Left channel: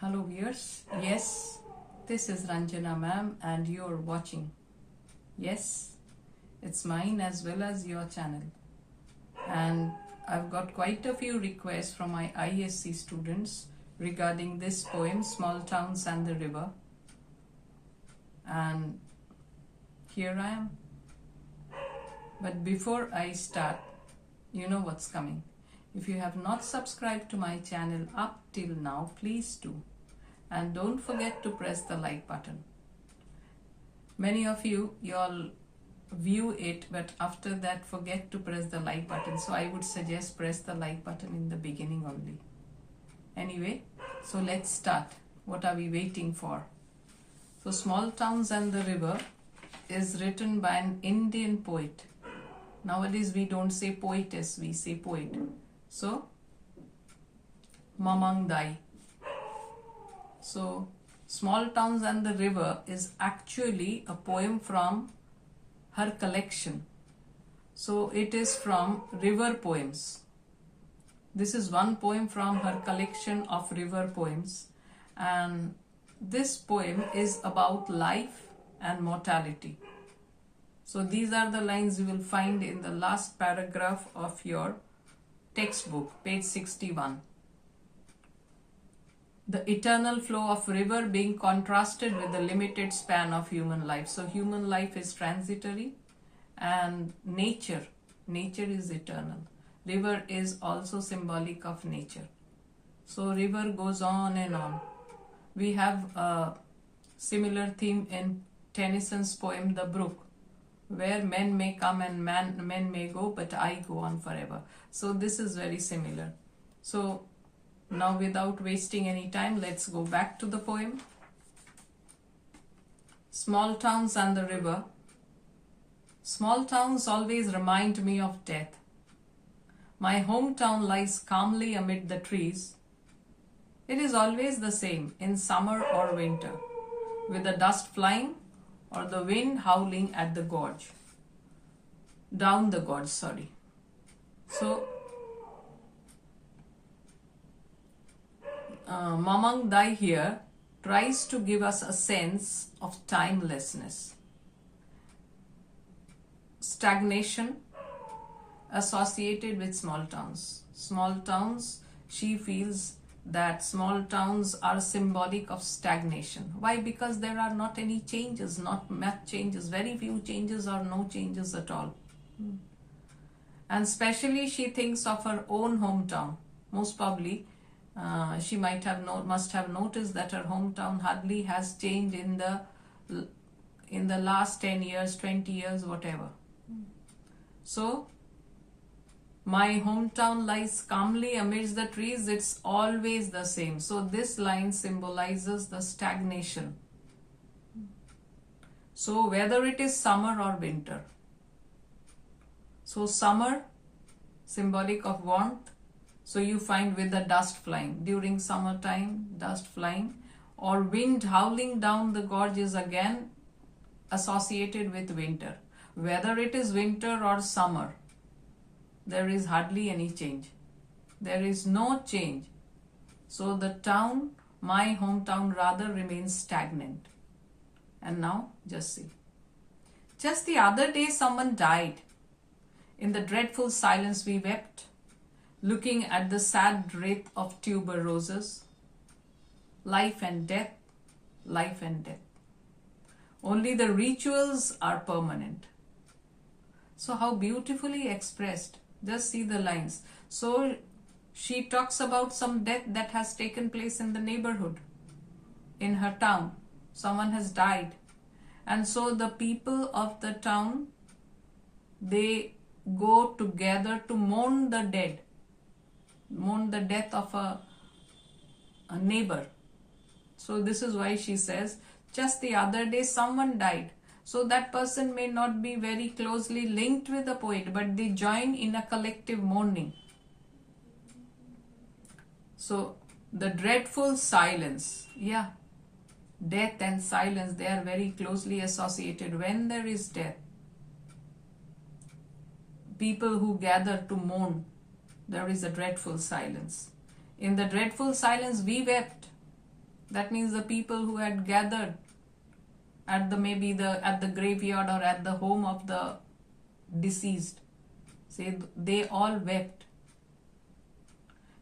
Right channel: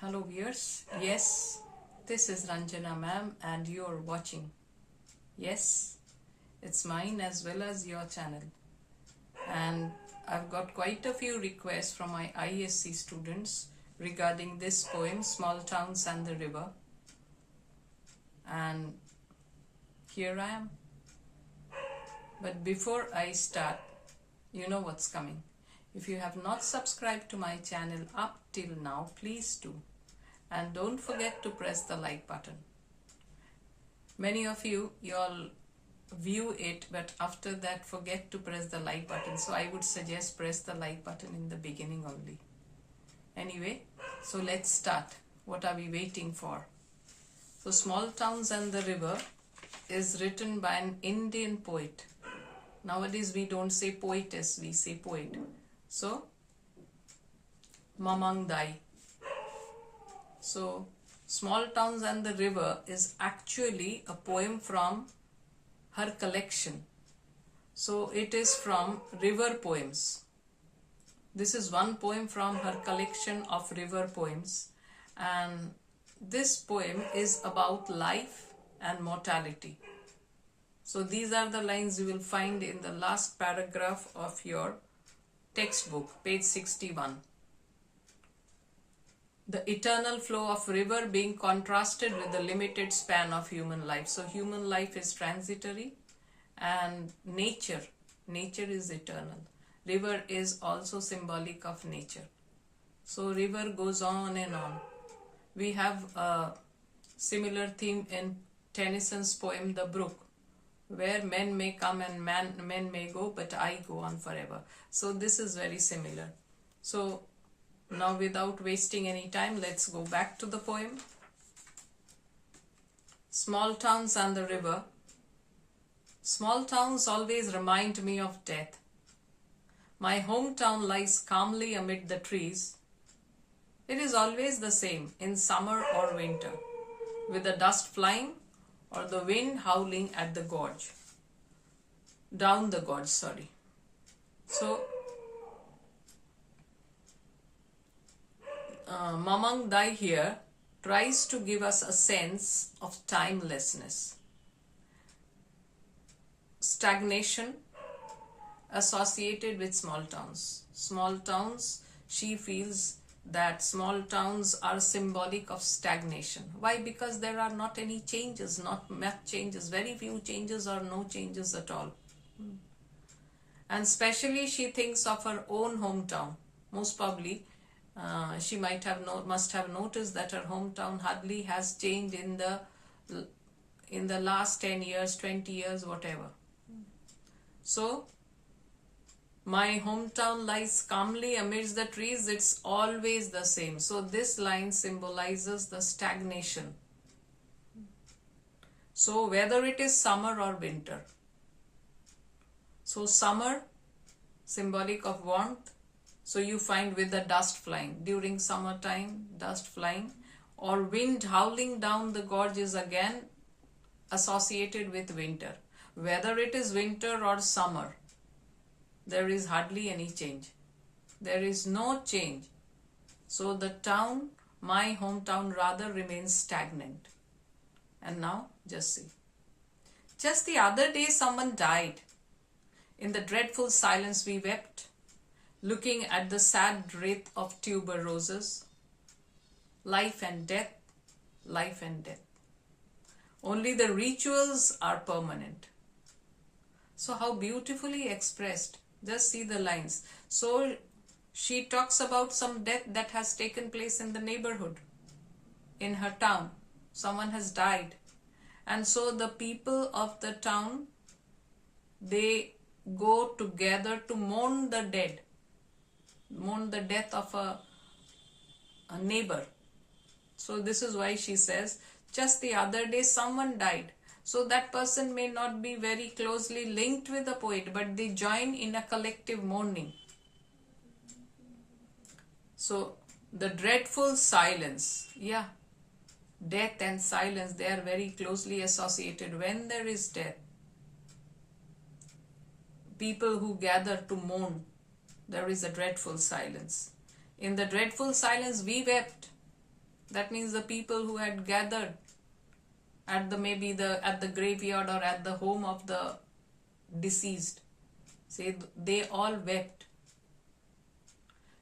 Hello viewers, yes, this is Ranjana ma'am and you're watching. Yes, it's mine as well as your channel. And I've got quite a few requests from my ISC students regarding this poem, Small Towns and the River. And here I am. But before I start, you know what's coming. If you have not subscribed to my channel up till now, please do. And don't forget to press the like button. Many of you all view it, but after that forget to press the like button. So I would suggest press the like button in the beginning only. Anyway, so let's start. What are we waiting for? So Small Towns and the River is written by an Indian poet. Nowadays we don't say poetess, we say poet. So, Mamang Dai. So, Small Towns and the River is actually a poem from her collection. So, it is from river poems. This is one poem from her collection of river poems. And this poem is about life and mortality. So, these are the lines you will find in the last paragraph of your textbook, page 61. The eternal flow of river being contrasted with the limited span of human life. So human life is transitory and nature is eternal. River is also symbolic of nature. So river goes on and on. We have a similar theme in Tennyson's poem The Brook, where men may come and men may go, but I go on forever. So this is very similar. So now without wasting any time, let's go back to the poem. Small Towns and the River. Small towns always remind me of death. My hometown lies calmly amid the trees. It is always the same in summer or winter, with the dust flying or the wind howling at the gorge. Down the gorge, sorry. So, Mamang Dai here tries to give us a sense of timelessness. Stagnation associated with small towns. Small towns, she feels that small towns are symbolic of stagnation. Why? Because there are not any changes, not much changes, very few changes or no changes at all. And especially she thinks of her own hometown. Most probably she must have noticed that her hometown hardly has changed in the last 10 years, 20 years, whatever. So my hometown lies calmly amidst the trees. It's always the same. So this line symbolizes the stagnation. So whether it is summer or winter. So summer, symbolic of warmth. So you find with the dust flying. During summertime, dust flying. Or wind howling down the gorge is again associated with winter. Whether it is winter or summer, there is hardly any change. There is no change. So the town, my hometown rather, remains stagnant. And now, just see. Just the other day someone died. In the dreadful silence we wept, looking at the sad wraith of tuberoses. Life and death, life and death. Only the rituals are permanent. So how beautifully expressed. Just see the lines. So she talks about some death that has taken place in the neighborhood, in her town. Someone has died. And so the people of the town, they go together to mourn the dead, mourn the death of a neighbor. So this is why she says, just the other day someone died. So that person may not be very closely linked with the poet, but they join in a collective mourning. So the dreadful silence, yeah, death and silence, they are very closely associated. When there is death, people who gather to mourn, there is a dreadful silence. In the dreadful silence we wept. That means the people who had gathered at at the graveyard or at the home of the deceased, say they all wept,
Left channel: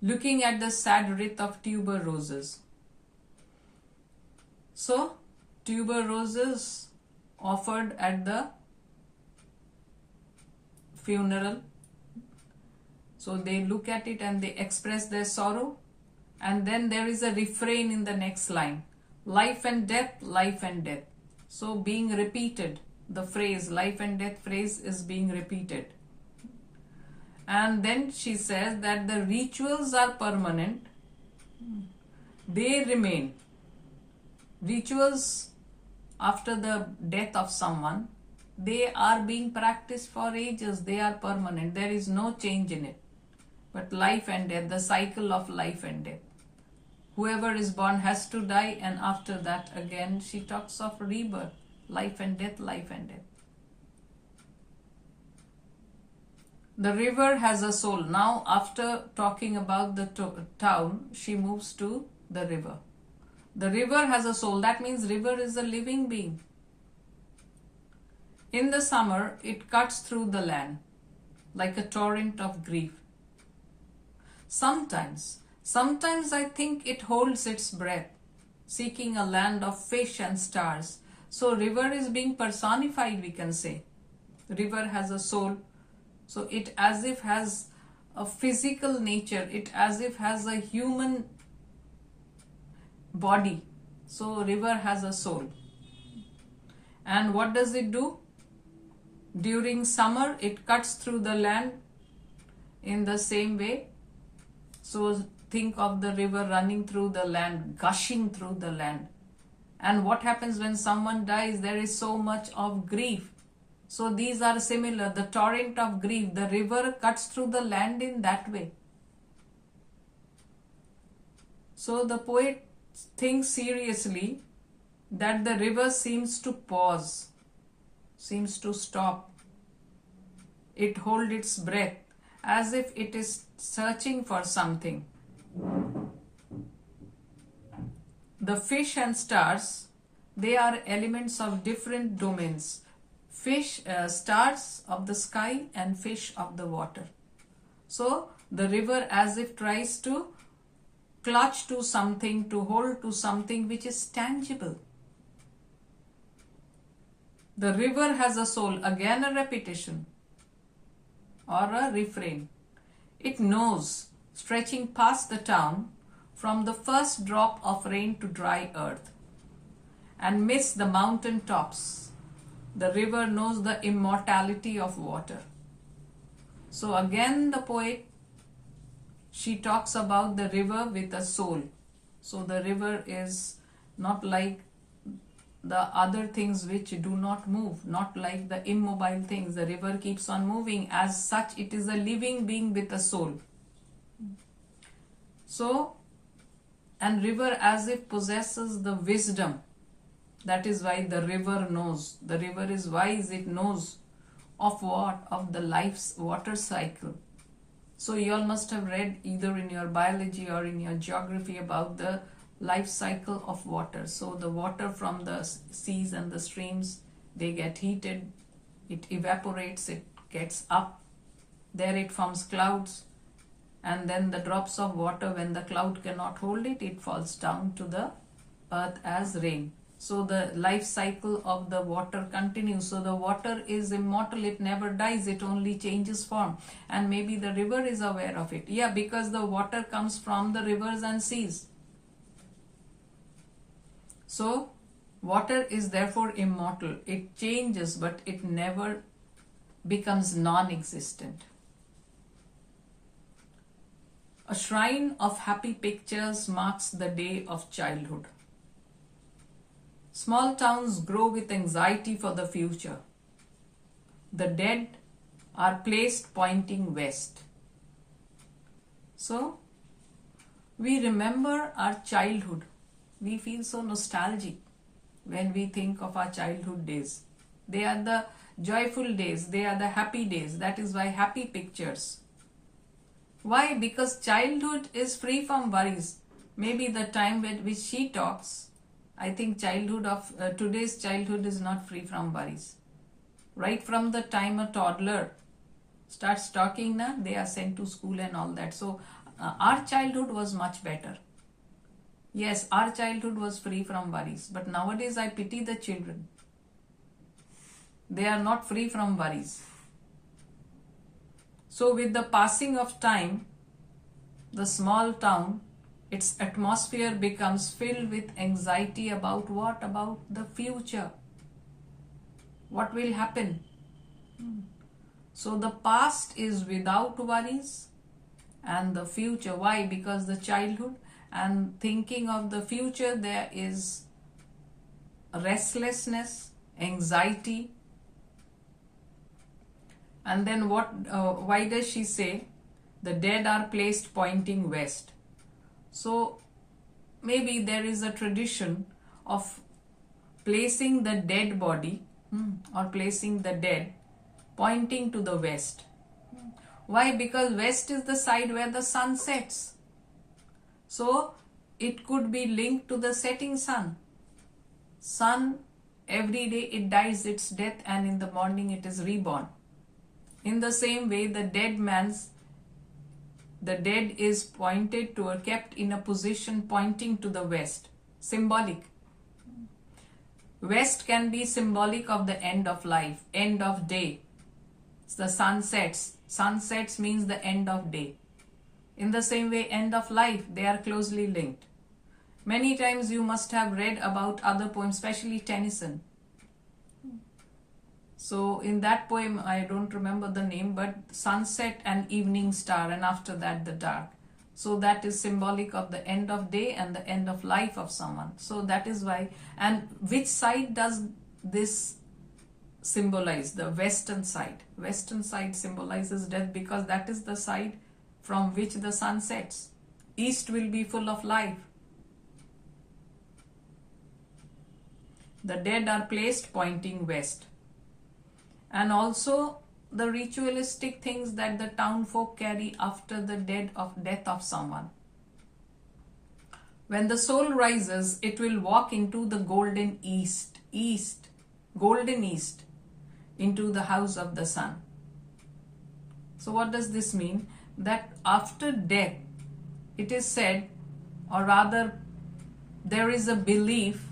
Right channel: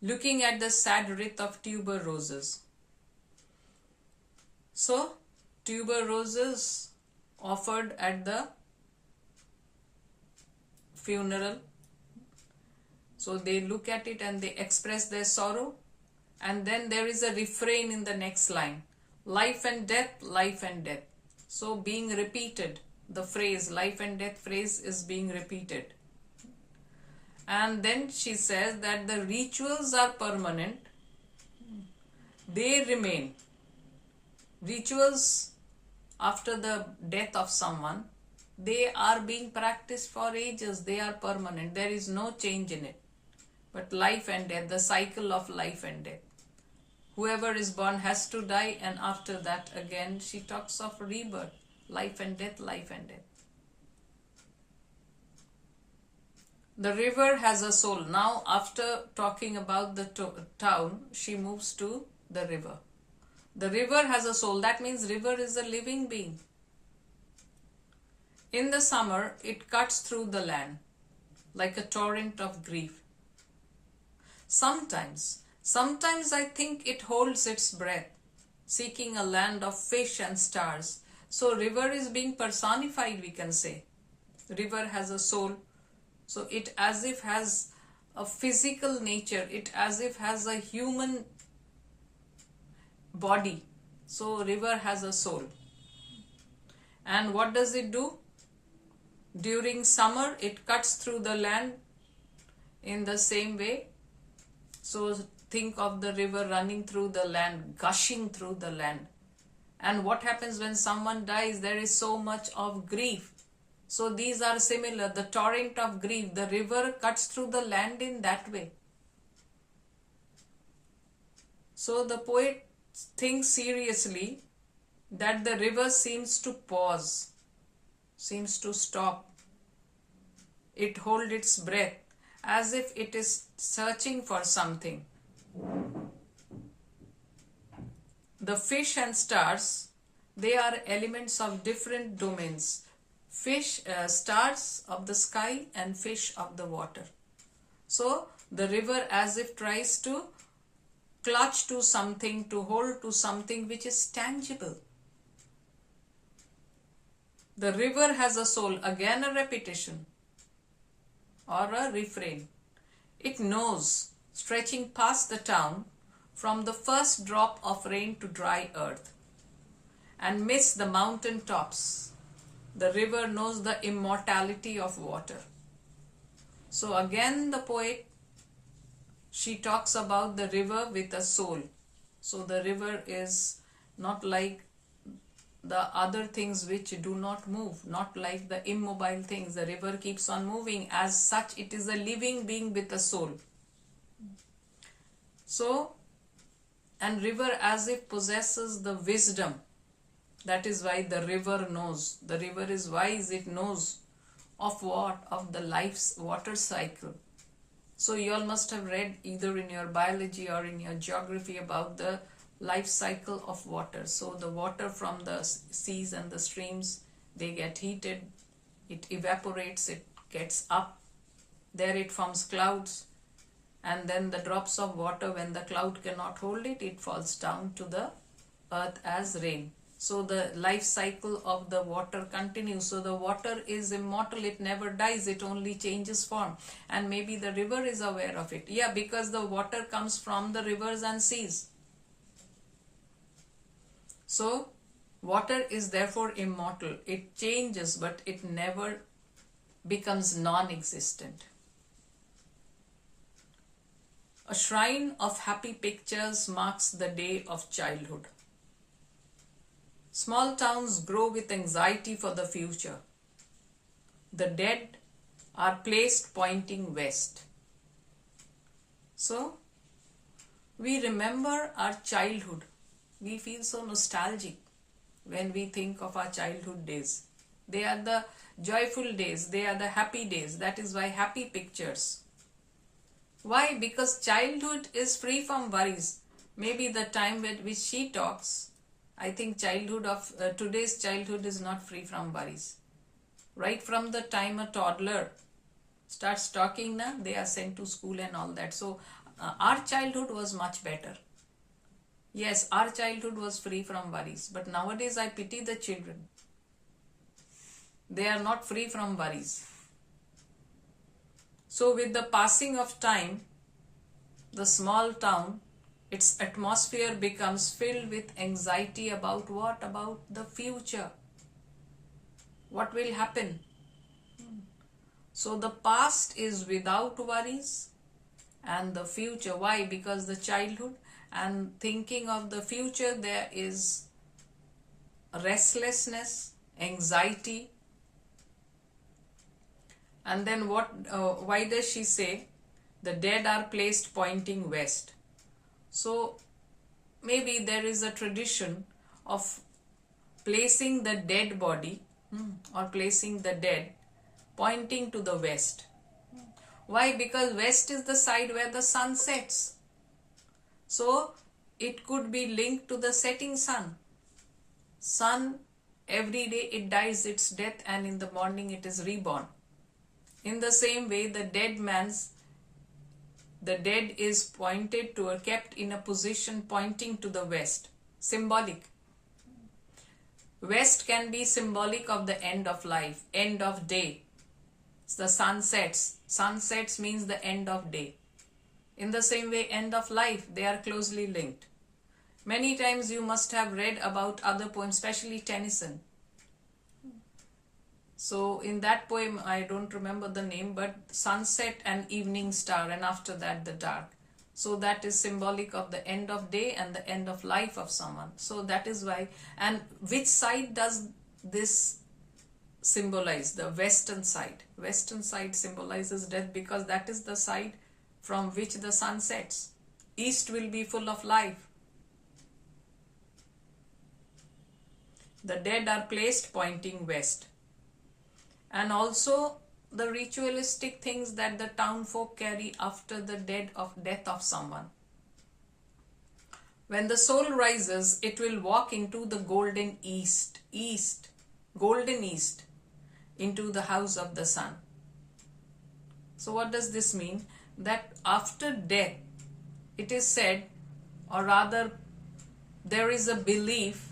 looking at the sad wreath of tuberoses. So tuberoses offered at the funeral. So they look at it and they express their sorrow. And then there is a refrain in the next line. Life and death, life and death. So being repeated, the phrase, life and death phrase is being repeated. And then she says that the rituals are permanent. They remain. Rituals after the death of someone, they are being practiced for ages. They are permanent. There is no change in it. But life and death, the cycle of life and death. Whoever is born has to die, and after that again she talks of rebirth, life and death, life and death. The river has a soul. Now after talking about the town, she moves to the river. The river has a soul. That means river is a living being. In the summer, it cuts through the land like a torrent of grief. Sometimes I think it holds its breath, seeking a land of fish and stars. So river is being personified, we can say. River has a soul. So it as if has a physical nature. It as if has a human body. So river has a soul. And what does it do? During summer, it cuts through the land in the same way. So think of the river running through the land, gushing through the land. And what happens when someone dies? There is so much of grief. So these are similar. The torrent of grief, the river cuts through the land in that way. So the poet thinks seriously that the river seems to pause, seems to stop. It holds its breath as if it is searching for something. The fish and stars, they are elements of different domains. Fish, stars of the sky and fish of the water. So the river as if tries to clutch to something, to hold to something which is tangible. The river has a soul. Again a repetition or a refrain. It knows, stretching past the town, from the first drop of rain to dry earth, and miss the mountain tops. The river knows the immortality of water. So again the poet, she talks about the river with a soul. So the river is not like the other things which do not move, not like the immobile things. The river keeps on moving. As such, it is a living being with a soul. So, and river as if possesses the wisdom. That is why the river knows. The river is wise. It knows of what? Of the life's water cycle. So you all must have read either in your biology or in your geography about the life cycle of water. So the water from the seas and the streams, they get heated, it evaporates, it gets up, there it forms clouds, and then the drops of water, when the cloud cannot hold it, it falls down to the earth as rain. So the life cycle of the water continues. So the water is immortal, it never dies, it only changes form. And maybe the river is aware of it. Yeah, because the water comes from the rivers and seas. So water is therefore immortal. It changes, but it never becomes non-existent. A shrine of happy pictures marks the day of childhood. Small towns grow with anxiety for the future. The dead are placed pointing west. So, we remember our childhood. We feel so nostalgic when we think of our childhood days. They are the joyful days. They are the happy days. That is why happy pictures. Why? Because childhood is free from worries. maybe the time at which she talks, I think childhood of today's childhood is not free from worries. Right from the time a toddler starts talking, they are sent to school and all that. So our childhood was much better. Yes, our childhood was free from worries. But nowadays I pity the children. They are not free from worries. So with the passing of time, the small town, its atmosphere becomes filled with anxiety about what? About the future. What will happen? So the past is without worries and the future. Why? Because the childhood and thinking of the future, there is restlessness, anxiety. And then what? Why does she say the dead are placed pointing west? So maybe there is a tradition of placing the dead body or placing the dead pointing to the west. Why? Because west is the side where the sun sets. So it could be linked to the setting sun. Sun, every day it dies its death and in the morning it is reborn. In the same way, the dead is pointed to or kept in a position pointing to the west. Symbolic. West can be symbolic of the end of life, end of day. The sun sets. Sunsets means the end of day. In the same way, end of life, they are closely linked. Many times you must have read about other poems, especially Tennyson. So in that poem, I don't remember the name, but sunset and evening star, and after that the dark. So that is symbolic of the end of day and the end of life of someone. So that is why. And which side does this symbolize? The western side. Western side symbolizes death because that is the side from which the sun sets. East will be full of life. The dead are placed pointing west. And also the ritualistic things that the town folk carry after the death of someone. When the soul rises, it will walk into the golden east, golden east, into the house of the sun. So what does this mean? That after death, it is said, or rather there is a belief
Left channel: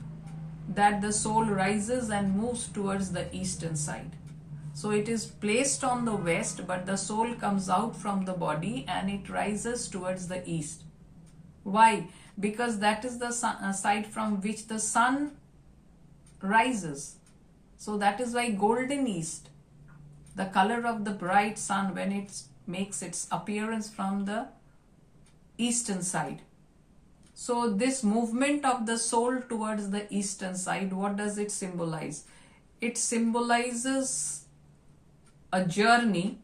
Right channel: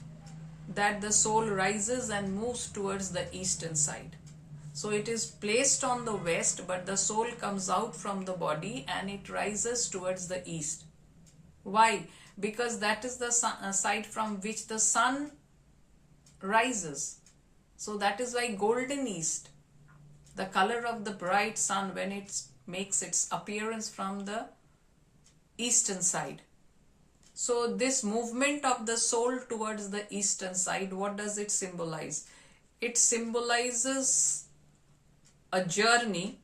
that the soul rises and moves towards the eastern side. So it is placed on the west, but the soul comes out from the body and it rises towards the east. Why? Because that is the side from which the sun rises. So that is why golden east, the color of the bright sun when it makes its appearance from the eastern side. So this movement of the soul towards the eastern side, what does it symbolize? It symbolizes a journey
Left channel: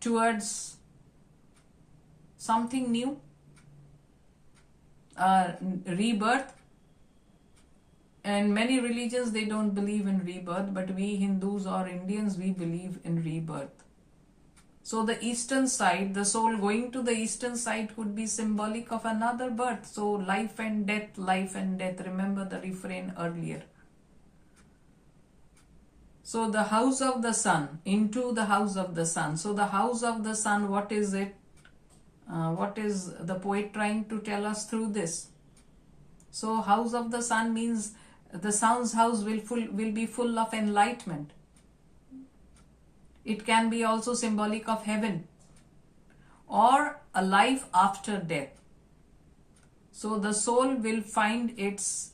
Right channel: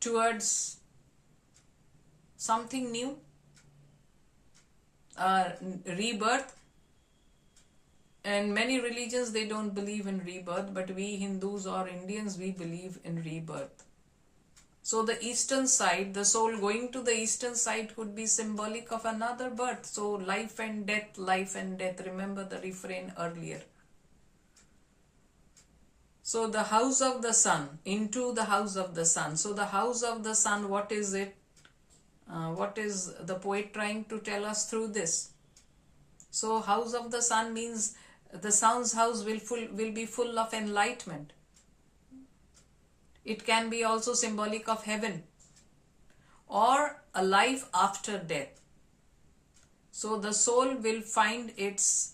towards something new, rebirth. In many religions they don't believe in rebirth, but we Hindus or Indians, we believe in rebirth. So the eastern side, the soul going to the eastern side could be symbolic of another birth. So life and death, life and death. Remember the refrain earlier. So the house of the sun, into the house of the sun. So the house of the sun, what is it? What is the poet trying to tell us through this? So house of the sun means the sun's house will be full of enlightenment. It can be also symbolic of heaven or a life after death. So the soul will find its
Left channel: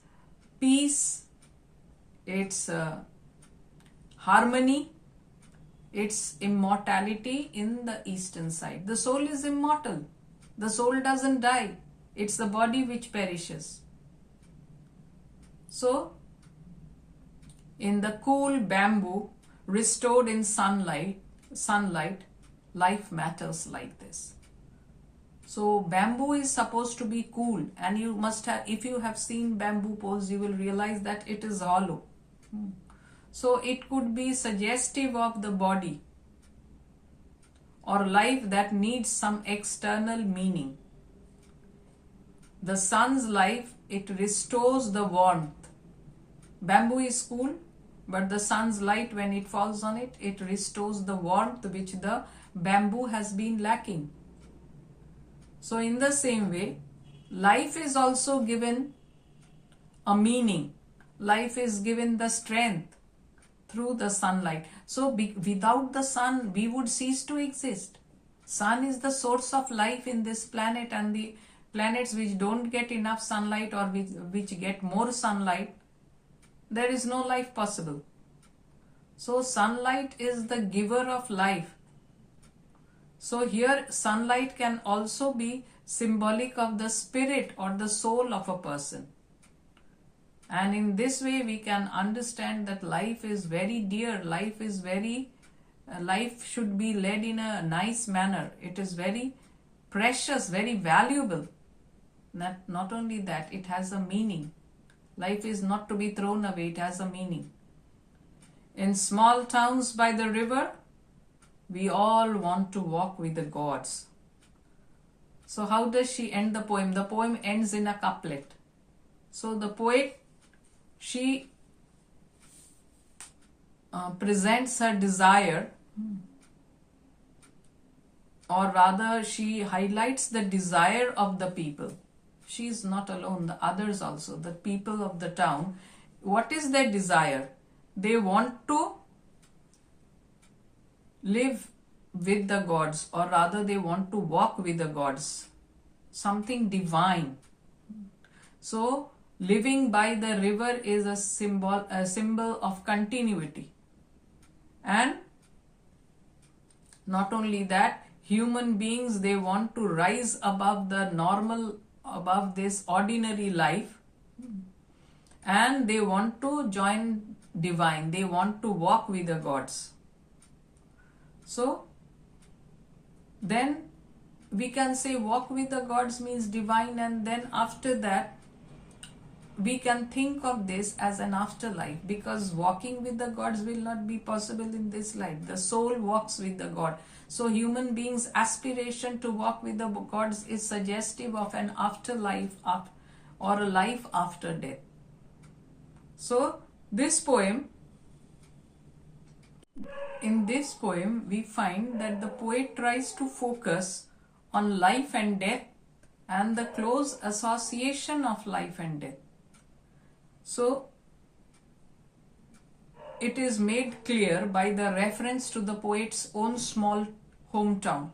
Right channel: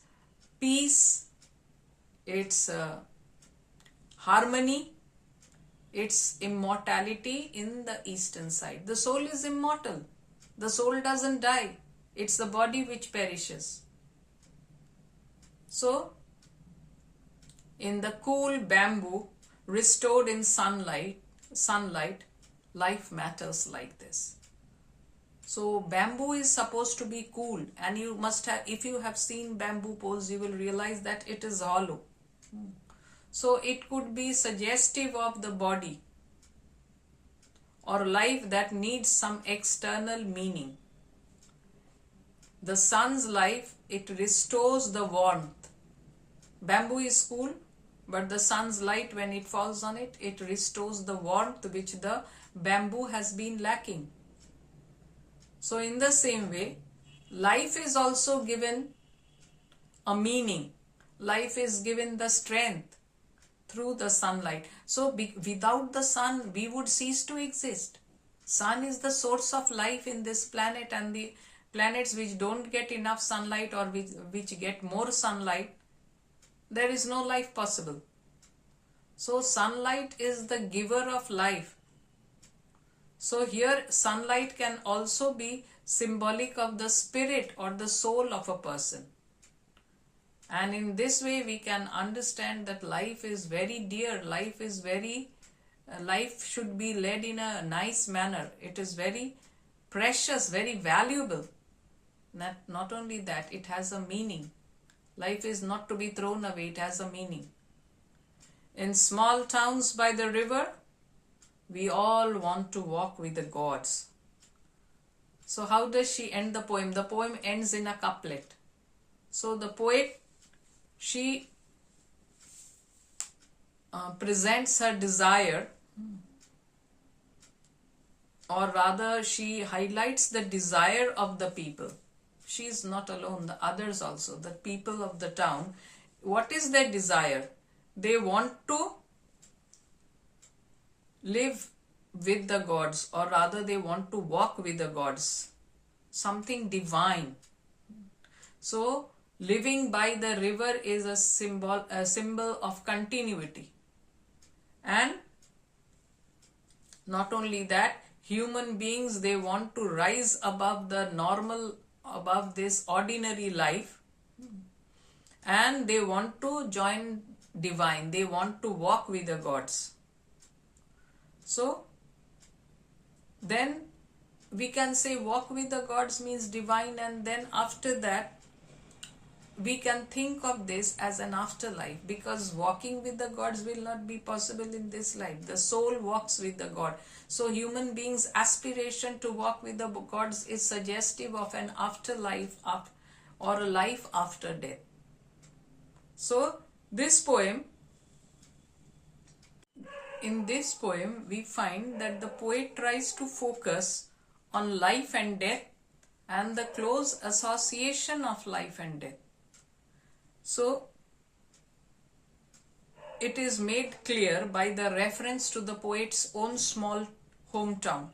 peace, its harmony, its immortality in the eastern side. The soul is immortal. The soul doesn't die. It's the body which perishes. So, in the cool bamboo, restored in sunlight, life matters like this. So, bamboo is supposed to be cool, and you must have, if you have seen bamboo poles, you will realize that it is hollow. So, it could be suggestive of the body or life that needs some external meaning. The sun's life, it restores the warmth. Bamboo is cool, but the sun's light, when it falls on it, it restores the warmth which the bamboo has been lacking. So in the same way, life is also given a meaning. Life is given the strength through the sunlight. So without the sun, we would cease to exist. Sun is the source of life in this planet, and the planets which don't get enough sunlight or which get more sunlight, there is no life possible. So sunlight is the giver of life. So here sunlight can also be symbolic of the spirit or the soul of a person. And in this way we can understand that life is very dear, life should be led in a nice manner. It is very precious, very valuable. Not only that, it has a meaning. Life is not to be thrown away, it has a meaning. In small towns by the river, we all want to walk with the gods. So how does she end the poem? The poem ends in a couplet. So the poet, she presents her desire, or rather she highlights the desire of the people. She is not alone, the others also, the people of the town. What is their desire? They want to live with the gods, or rather they want to walk with the gods, something divine. So living by the river is a symbol of continuity. And not only that, human beings, they want to rise above the normal, above this ordinary life, and they want to join divine. They want to walk with the gods. So then we can say walk with the gods means divine, and then after that we can think of this as an afterlife, because walking with the gods will not be possible in this life. The soul walks with the God. So human beings' aspiration to walk with the gods is suggestive of an afterlife or a life after death. So this poem, in this poem we find that the poet tries to focus on life and death and the close association of life and death. So it is made clear by the reference to the poet's own small hometown.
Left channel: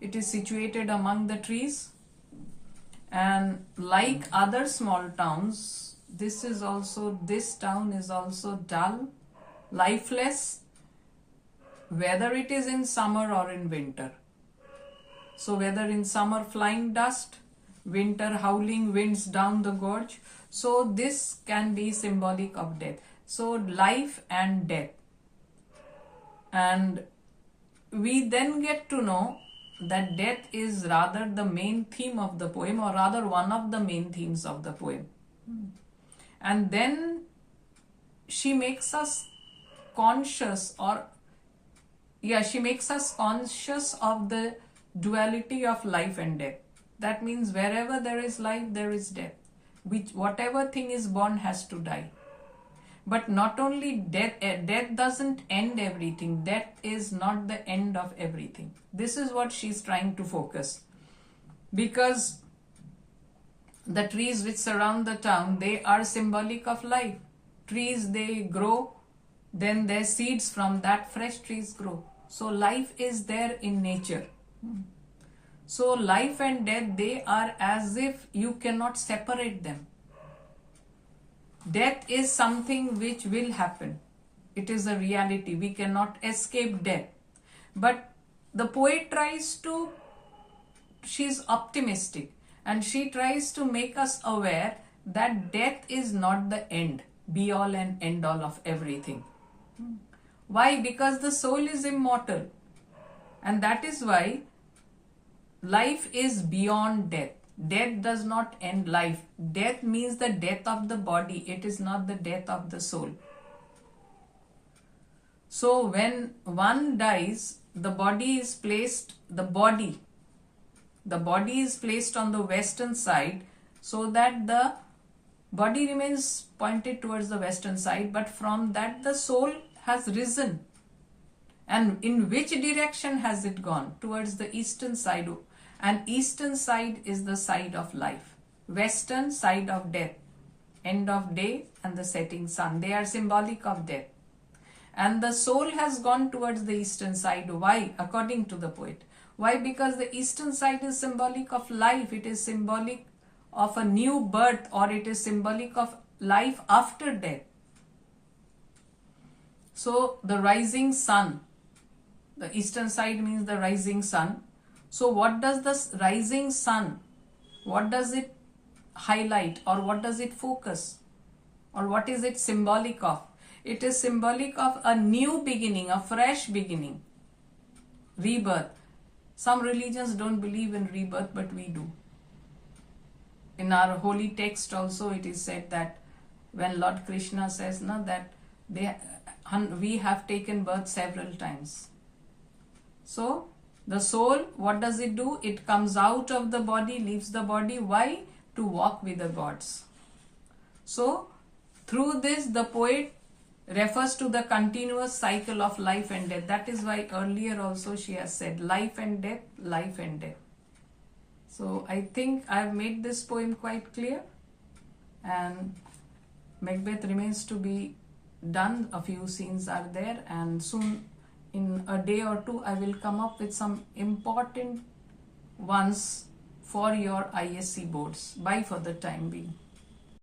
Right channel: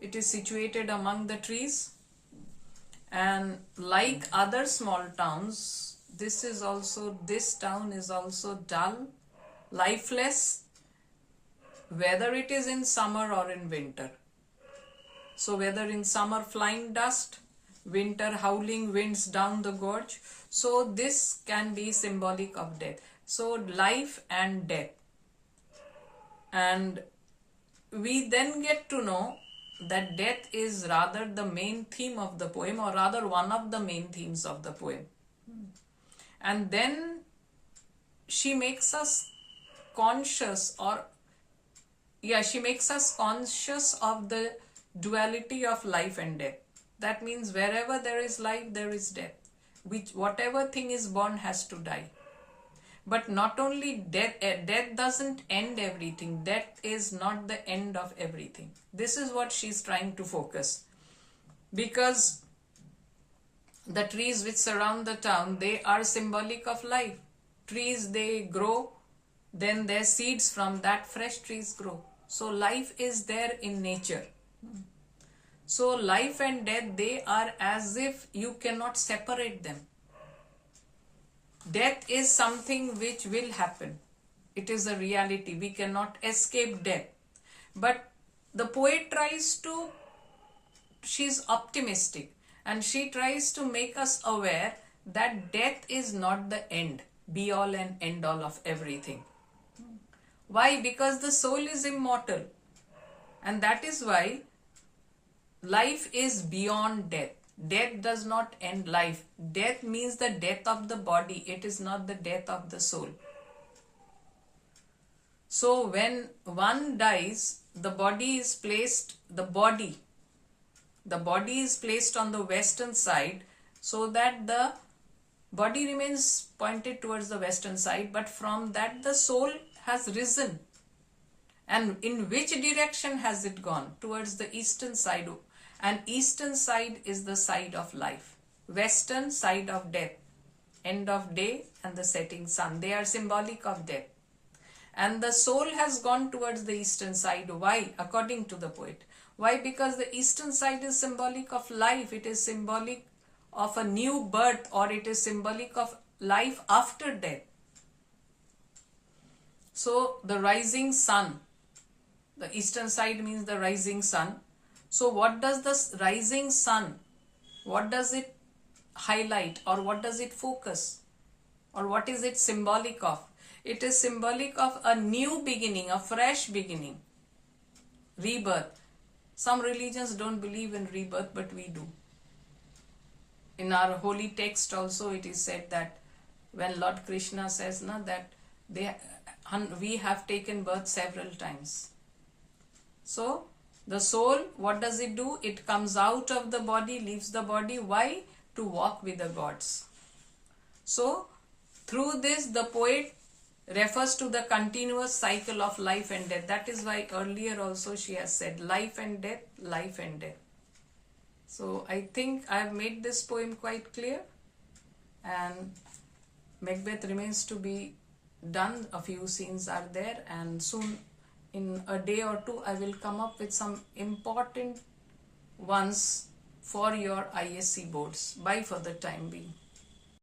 It is situated among the trees, and like other small towns, this town is also dull, lifeless, whether it is in summer or in winter. So whether in summer flying dust, winter howling winds down the gorge. So this can be symbolic of death. So life and death. And we then get to know that death is rather the main theme of the poem, or rather one of the main themes of the poem. And then she makes us conscious, she makes us conscious of the duality of life and death. That means wherever there is life, there is death. Whatever thing is born has to die. But not only death doesn't end everything. Death is not the end of everything. This is what she's trying to focus. Because the trees which surround the town, they are symbolic of life. Trees, they grow, then their seeds from that fresh trees grow. So life is there in nature. So life and death, they are as if you cannot separate them. Death is something which will happen. It is a reality. We cannot escape death. But the poet she's optimistic, and she tries to make us aware that death is not the end, be all and end all of everything. Why? Because the soul is immortal. And that is why life is beyond death. Death does not end life. Death means the death of the body. It is not the death of the soul. So when one dies, the body The body is placed on the western side so that the body remains pointed towards the western side, but from that the soul has risen. And in which direction has it gone? Towards the eastern side. And eastern side is the side of life. Western side of death. End of day and the setting sun. They are symbolic of death. And the soul has gone towards the eastern side. Why? According to the poet. Why? Because the eastern side is symbolic of life. It is symbolic of a new birth, or it is symbolic of life after death. So the rising sun. The eastern side means the rising sun. So what does the rising sun, what does it highlight, or what does it focus, or what is it symbolic of? It is symbolic of a new beginning, a fresh beginning, rebirth. Some religions don't believe in rebirth, but we do. In our holy text also it is said that when Lord Krishna says that we have taken birth several times. So the soul, what does it do? It comes out of the body, leaves the body. Why? To walk with the gods. So through this the poet refers to the continuous cycle of life and death. That is why earlier also she has said life and death, life and death. So I think I have made this poem quite clear, and Macbeth remains to be done. A few scenes are there, and soon in a day or two I will come up with some important ones for your ISC boards. Bye for the time being.